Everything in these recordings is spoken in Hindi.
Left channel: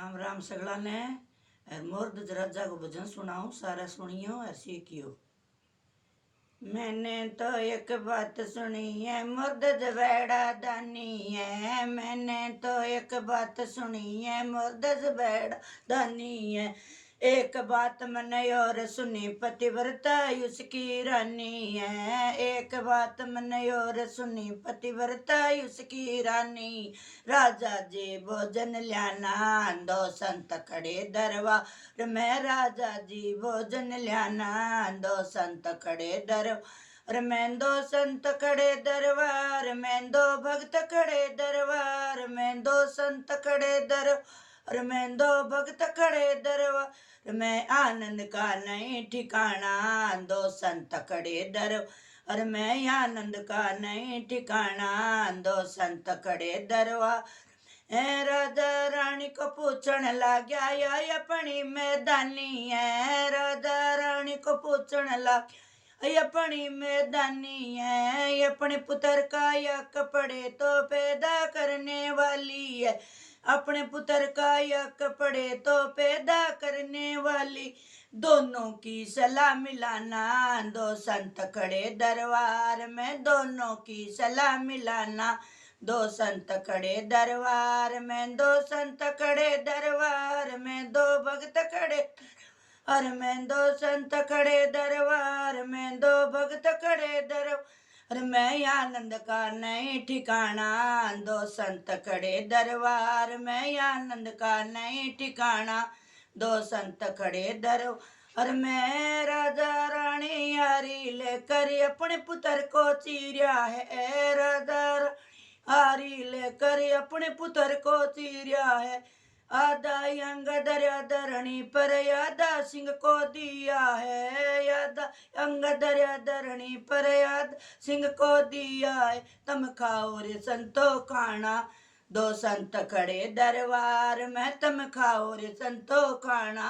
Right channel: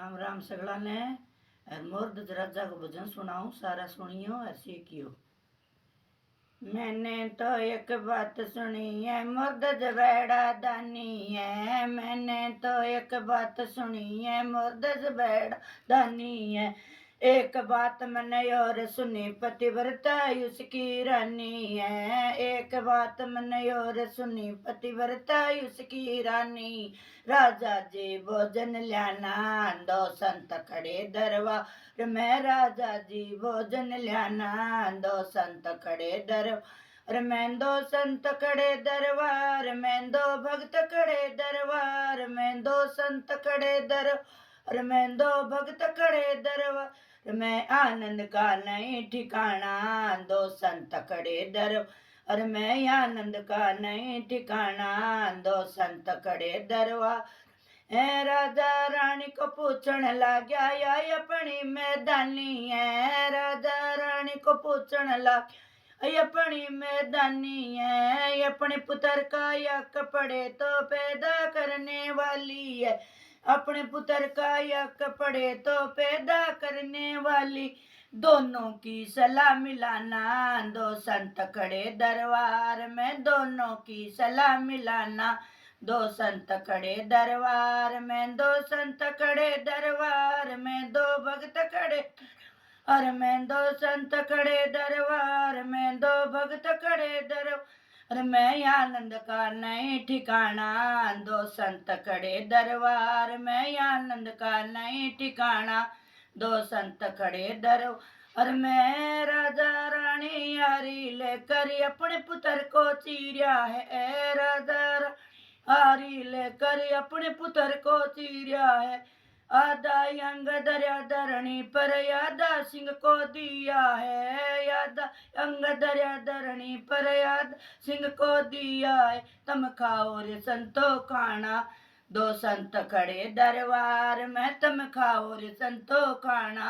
राम राम सगला ने और मुर्द राजा को भजन सुनाऊं, सारा सुनियो और सीखियो। मैंने तो एक बात सुनी है, मुर्द जबैड़ा दानी है। मैंने तो एक बात सुनी है, मुर्द जबैड़ा दानी है। एक बात मैंने और सुनी, पतिव्रता उसकी रानी है। एक बात मैंने और सुनी, पतिव्रता उसकी रानी। राजा जी भोजन ल्याना, दो संत खड़े दरबार में। राजा जी भोजन ल्याना, दो संत खड़े दरबार में। दो संत खड़े दरबार में, दो भक्त खड़े दरबार में। दो संत खड़े दरबार में, दो भक्त खड़े दरबार में। आनंद का नहीं ठिकाना, दो संत खड़े दरबार में। आनंद का नहीं ठिकाना, दो संत खड़े दरबार। राजा रानी को पूछण लाग्या, या अपनी मैदानी है। राजा रानी को पूछण लग, अपनी मैदानी है। अपने पुत्र का या कपड़े तो पैदा करने वाली है। अपने पुत्र का या कपड़े तो पैदा करने वाली। दोनों की सलाह मिलाना, दो संत खड़े दरबार में। दोनों की सलाह मिलाना, दो संत खड़े दरबार में। दो संत खड़े दरबार में, दो भक्त खड़े और मैं। दो संत खड़े दरबार में, दो भक्त खड़े दरबार में। आनंद का नहीं ठिकाना, दो संत खड़े दरबार में। आनंद का नहीं ठिकाना, दो संत खड़े दरबार में। राजा रानी यारी लेकर अपने पुत्र को चीरा है। राजा हारी लेकर अपने पुत्र को चीरा है। आधा अंग दरिया धरणी पर यादा सिंह को दिया है। यादा अंग दरिया धरणी पर याद सिंह को दिया है। तम खाओ रे संतो खाना, दो संत खड़े दरबार में। तम खाओ रे संतो खाना,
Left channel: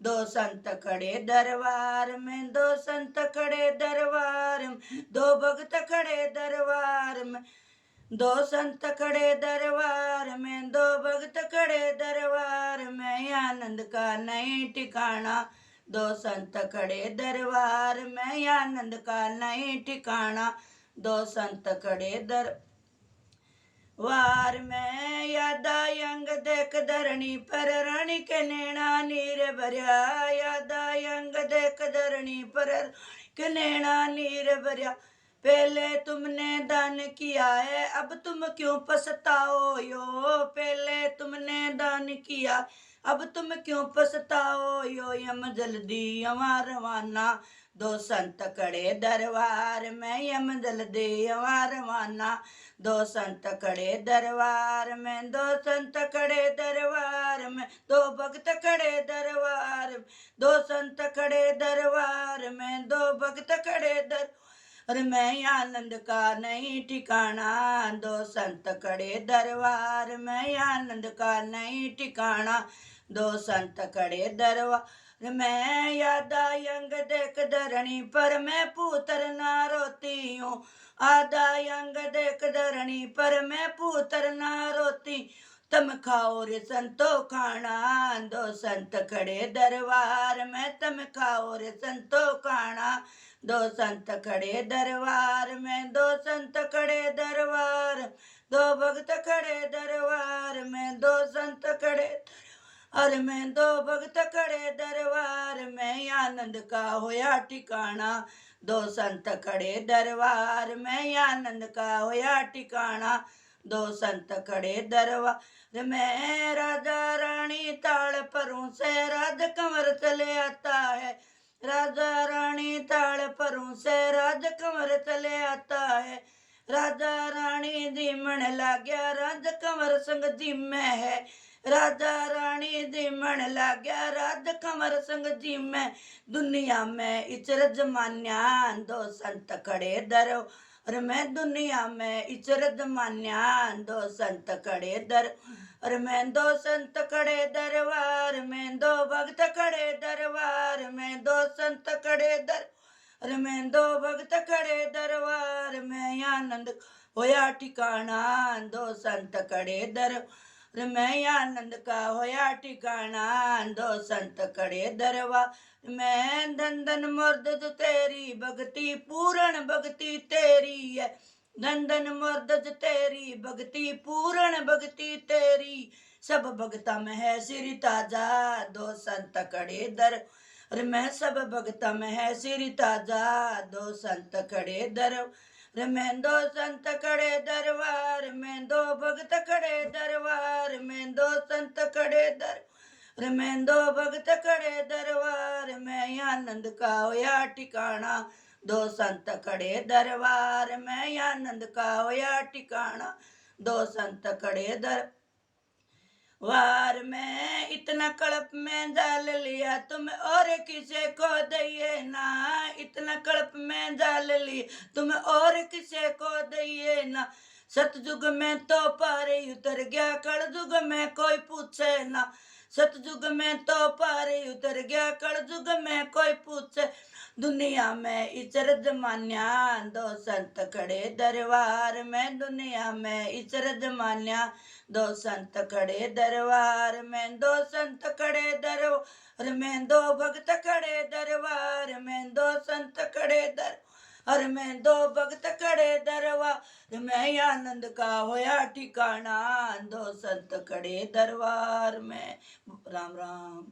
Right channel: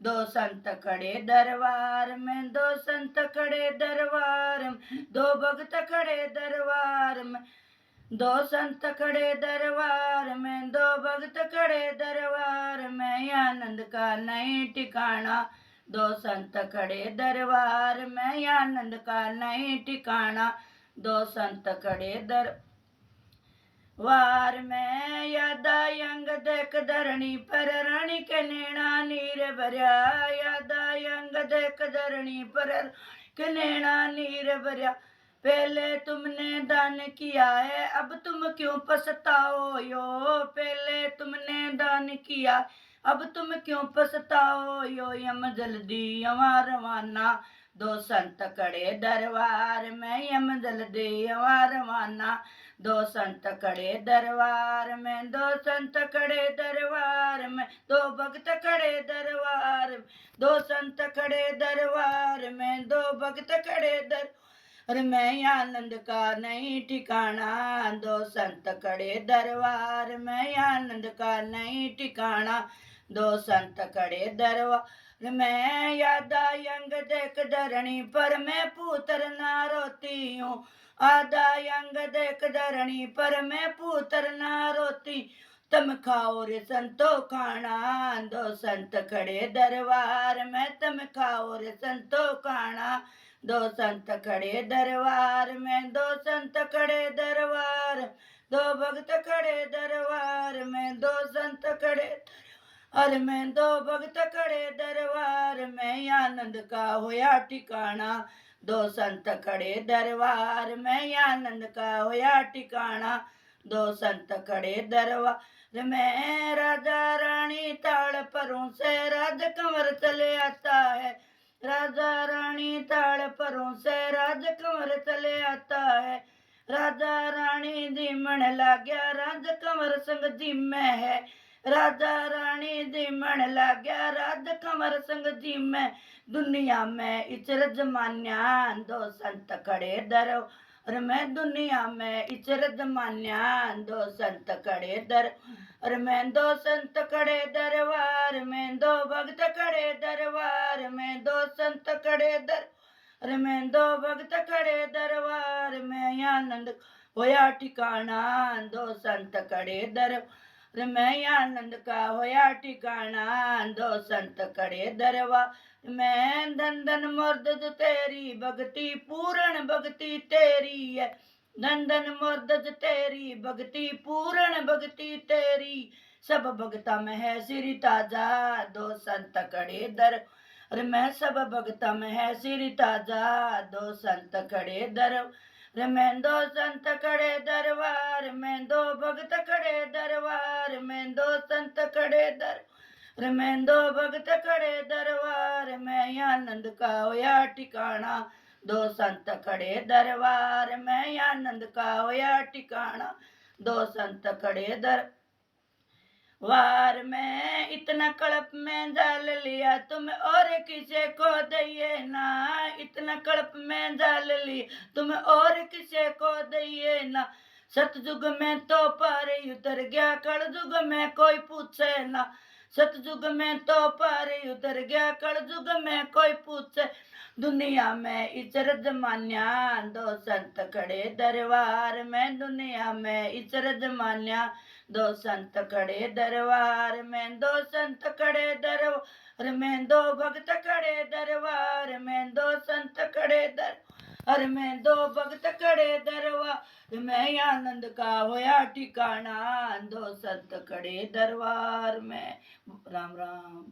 दो संत खड़े दरबार में। दो संत खड़े दरबार में, दो भक्त खड़े दरबार में। दो संत खड़े दरबार में, दो भक्त खड़े दरबार में। आनंद का नहीं ठिकाना, दो संत खड़े दरबार में। आनंद का नहीं ठिकाना, दो संत खड़े दरबार में। यादा अंग देख धरणी पर रानी के नैना नीर भरिया। यादा अंग देख धरणी पर के नैना नीर भरिया। पहले तुमने दान किया है, अब तुम क्यों पछताओ यो। पहले तुमने दान किया, अब तुम क्यों पछताओ यो। यम जल्दी यवा रवाना, दो संत खड़े दरबार में। यम जल्दी यवा रवाना, दो संत खड़े दरबार में। दो संत खड़े दरबार में, दो भक्त खड़े दरबार में। दो संत खड़े दरबार में, दो भक्त खड़े दरबार मैं। आनंद का नहीं ठिकाना, दो संत खड़े दरबार में। आनंद का नहीं ठिकाना, दो संत खड़े दरबार में। यादा अंग देख धरणी पर मैं पुत्र ना रोती हूँ। आधा अंग देख धरणी पर मैं पुत्र ना रोती। तम खाओ रे संतो खाना, दो संत खड़े दरबार में। तम खाओ रे संतो खाना, दो संत खड़े दरबार में। दो संत खड़े दरबार, दो भक्त खड़े दरबार में। दो संत खड़े अरे मैं, दो भक्त खड़े दरबार में। आनंद का होया ठिकाना, दो संत खड़े दरबार में। आनंद का होया ठिकाना, दो संत खड़े दरबार में। राजा रानी ताड़ परों से राज कंवर चले आता है। राजा रानी ताड़ परों से राज कंवर चले आता है। राजा रानी जीमण लाग्या, राज कंवर संग जिम्मे है। राजा रानी जीमण लाग्या, राज कंवर संग जिम्मे। दुनिया में इचर जमान्या, दो संत खड़े दरबार में। दुनिया में इचर जमान्या, दो संत खड़े दरबार में। दो संत खड़े दरबार में, दो भक्त खड़े दरबार में। दो संत खड़े दरबार में, दो भक्त खड़े दरबार में। आनंद होया ठिकाना, दो संत खड़े दरबार मैं आनंद का होया ठिकाना, दो संत खड़े दरबार मैं। धन धन मुर्द तेरी भगती, पूर्ण भगती तेरी है। धन धन मुर्द तेरी भगती, पूर्ण भगती तेरी। सब भगता में है सिर ताजा, दो संत खड़े दर। अरे मैं सब भगता में है सिर ताजा, दो संत खड़े दर। मैं दो संत खड़े दरबार में, दो भगत खड़े दरबार में, दो संत खड़े दर। मैं दो भगत खड़े दरबार में, आनंद का होया ठिकाना, दो संत खड़े दरबार में। आनंद का होया ठिकाना, दो संत खड़े दर। वार में इतना कड़प में जाल लिया तुम और किसे को दइए ना। इतना कड़प में जाल लिया तुम और किसे को दइए ना। सतयुग में तो पार उतर गया, कलयुग में कोई पूछे ना। सतयुग में तो पार उतर गया, कलयुग में कोई पूछे। दुनिया में इचरज मान्या, दो संत खड़े दरबार में। दुनिया में इचरज मान्या, दो संत खड़े दरबार में। दो संत खड़े दरबार में, दो भगत खड़े दरबार में। दो संत खड़े दरबार में, दो भगत खड़े दरबार में। आनंद का होया ठिकाना, दो संत खड़े दरबार में। राम राम।